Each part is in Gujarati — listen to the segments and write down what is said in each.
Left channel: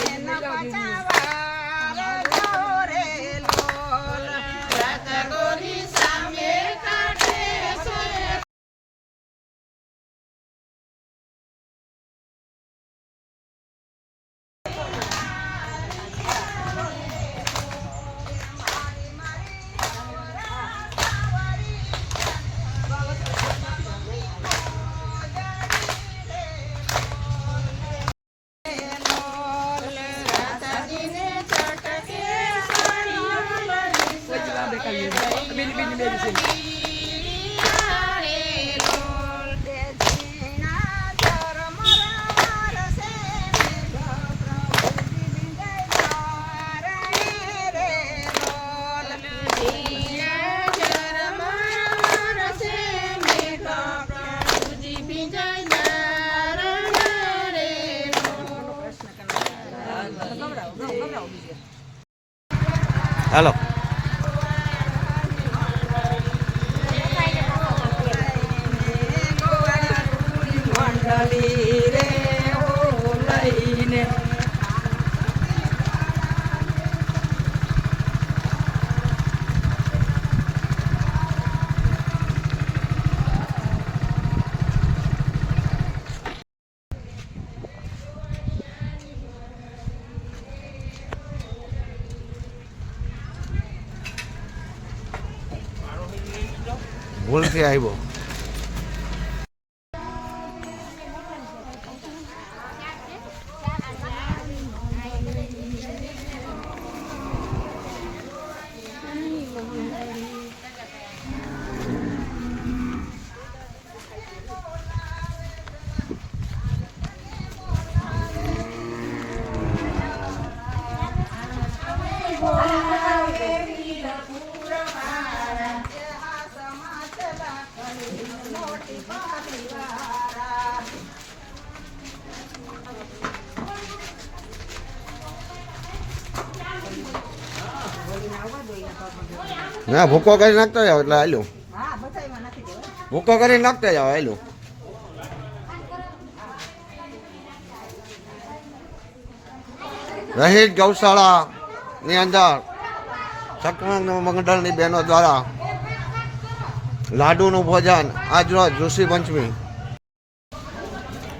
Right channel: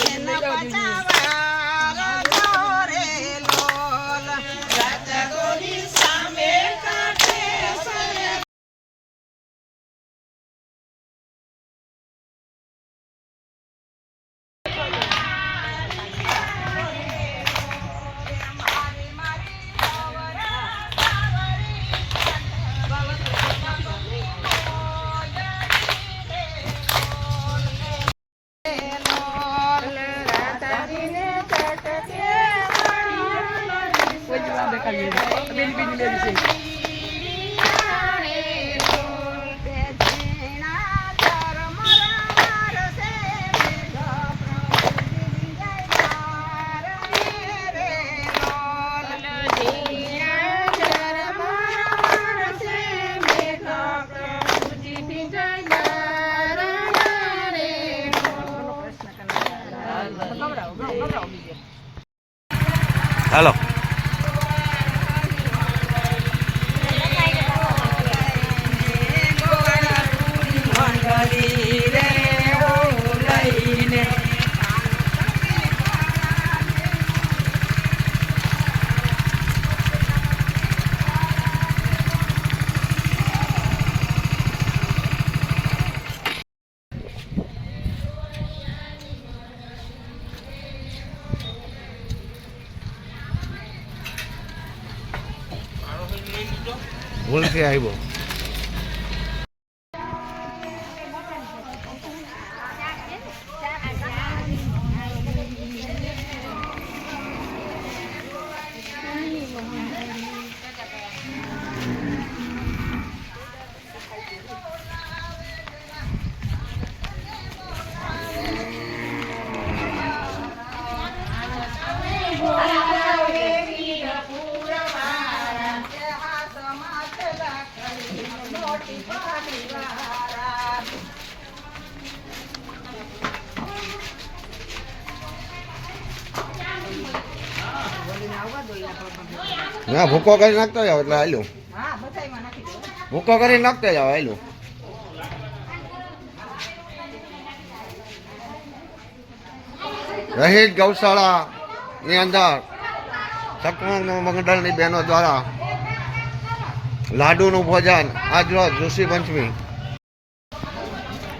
天哪，我炸！હાલો ભૂલથી આવ્યો. ના ભૂકો કરી નાખતા જાવ એટલે હાલ્યું. ભૂકો કરી નાખતા જાવ હાલ્યું. રહીત ગૌશાળાની અંદર સત્સંગ મંડળની બહેનો દ્વારા લાડુનું ભોજન આજરોજ ઋષિ પંચમી.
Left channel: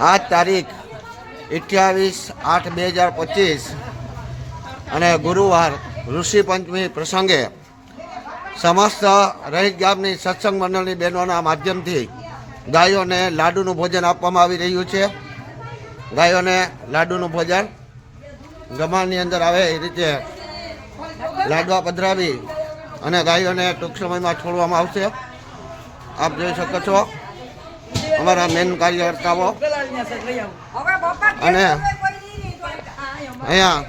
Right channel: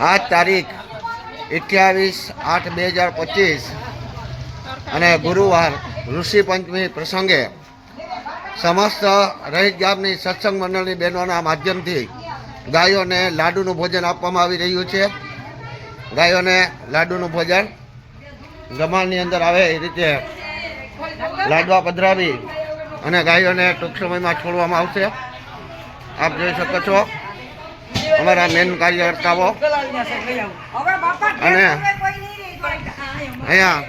આજ તારીખ અઠ્યાવીસ આઠ બે હજાર પચીસ અને ગુરુવાર ઋષિ પંચમી પ્રસંગે સમસ્ત રહીત ગામની સત્સંગ મંડળની બહેનોના માધ્યમથી ગાયોને લાડુનું ભોજન આપવામાં આવી રહ્યું છે. ગાયોને લાડુનું ભોજન ગમાણની અંદર આવે એ રીતે લાડવા પધરાવી અને ગાયોને ટૂંક સમયમાં છોડવામાં આવશે. આપ જોઈ શકો છો. અમારા મેન કાર્યકર્તાઓ. અને અહીંયા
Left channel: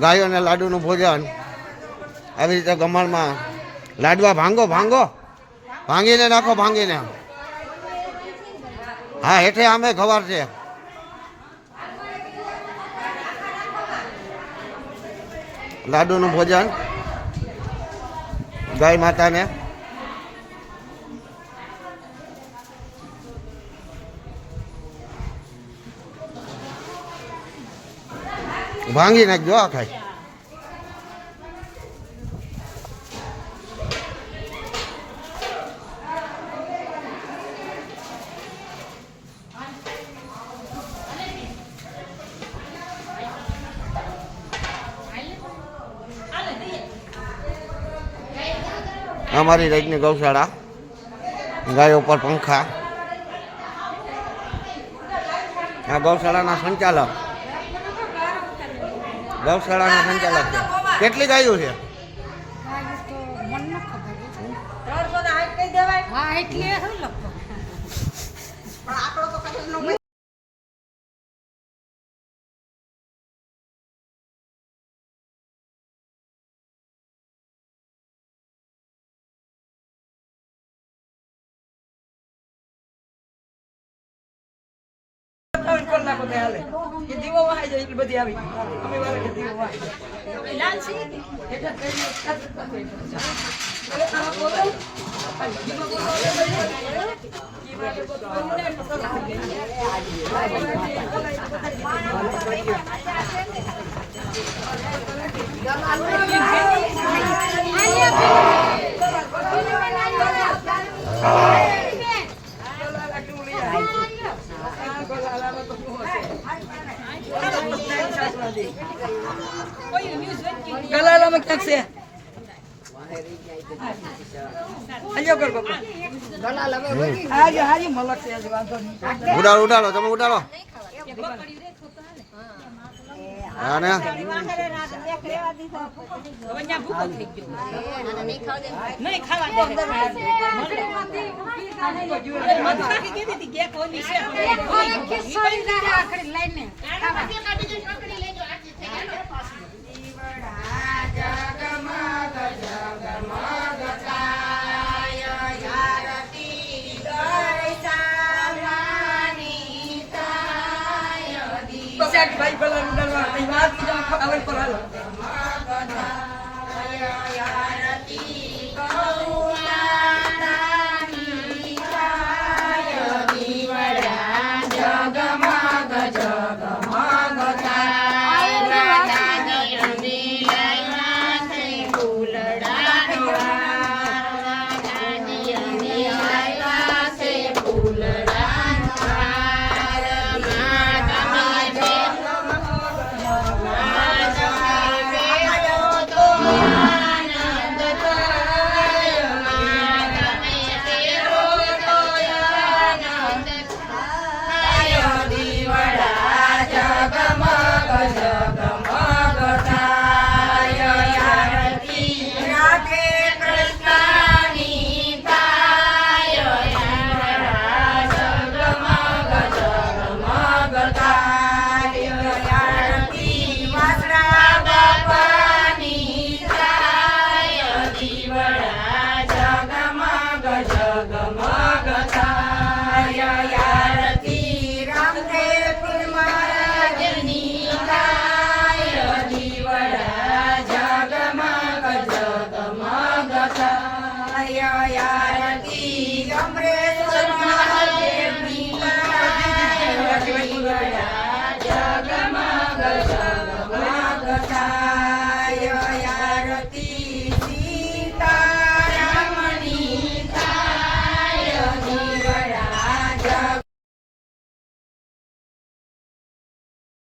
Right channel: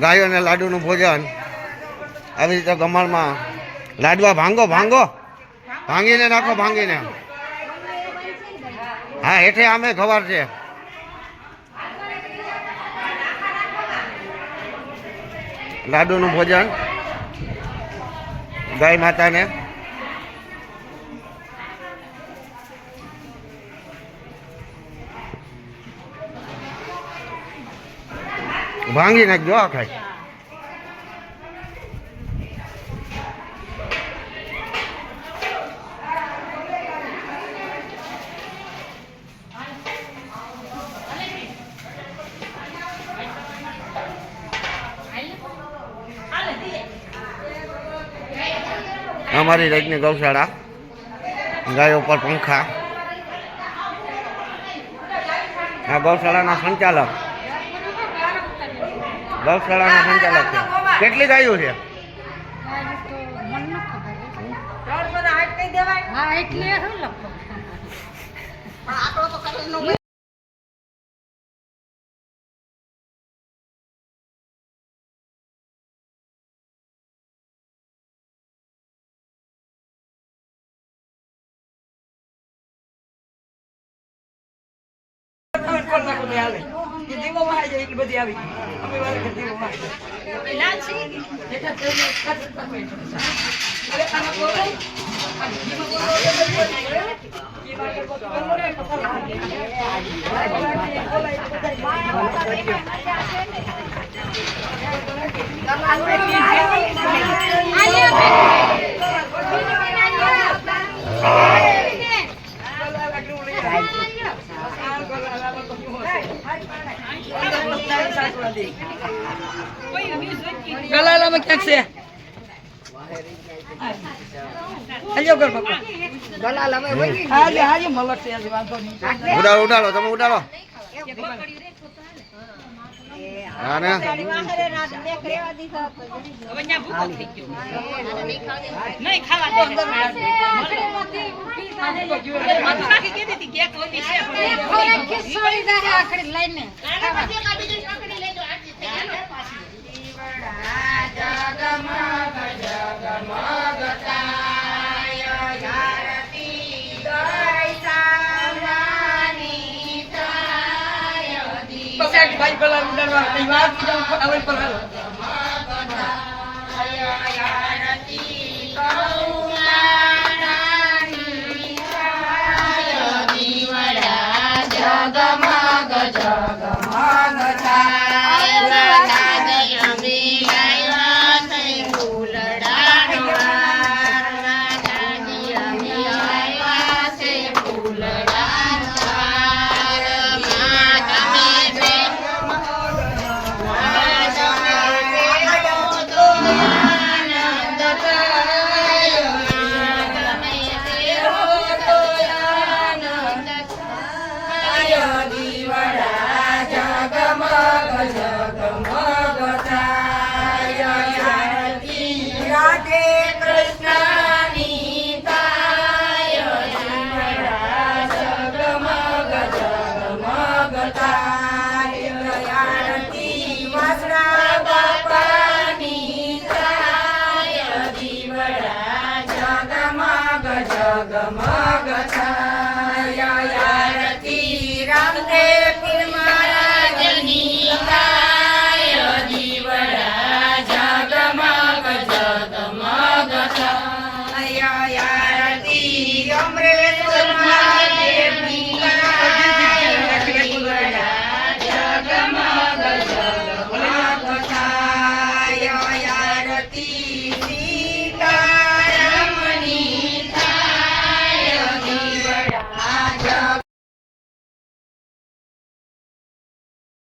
ગાયોને લાડુનું ભોજન આવી રીતે ગમાણમાં લાડવા ભાંગો ભાંગો. ભાંગીને નાખો, ભાંગીને. હા, હેઠે આમે ખબર છે. લાડુનું ભોજન ગાય માતાને ભાંગી નાખજો આ ખાઈ. અમારી રજની ગૌશાળા ગાયો પર પંખા. આ ગૌશાળાના સંચાલક ગૌશાળાના સંચાલક છે. કેટલી ગાયો છે? હા. એટલે શું તમે હાલે. કે દીવો વાય જાય એટલી બધી આવી. અમે વાર કે દીવો માં અરે આના બોલો આ જીવો બોલો જીવા કે બોલો ગલાલામાં ક્યાંક છે? ઉડાડો ઉડાડો તમે ઉડાડો. હા ને? લઈને પછી આ ભાઈ પેલા ઉડાડવા વાત બીજા આવે પર હાલો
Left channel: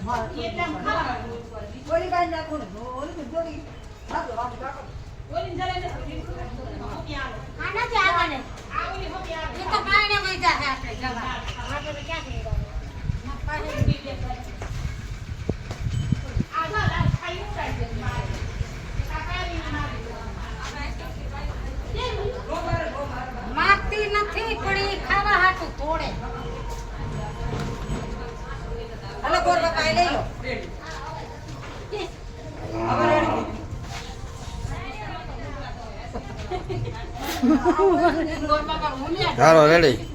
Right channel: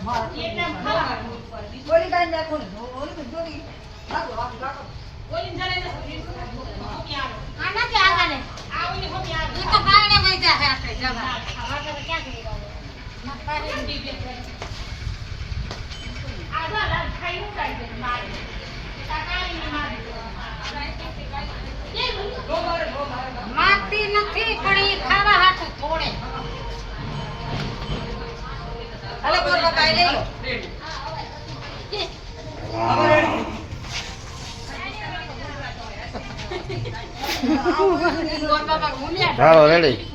પીવાય આનાથી આગળ એ તો કારણે વહી જાય આપણે જવા માગતી નથી પણ એ લઈ લો ચાલો રેડી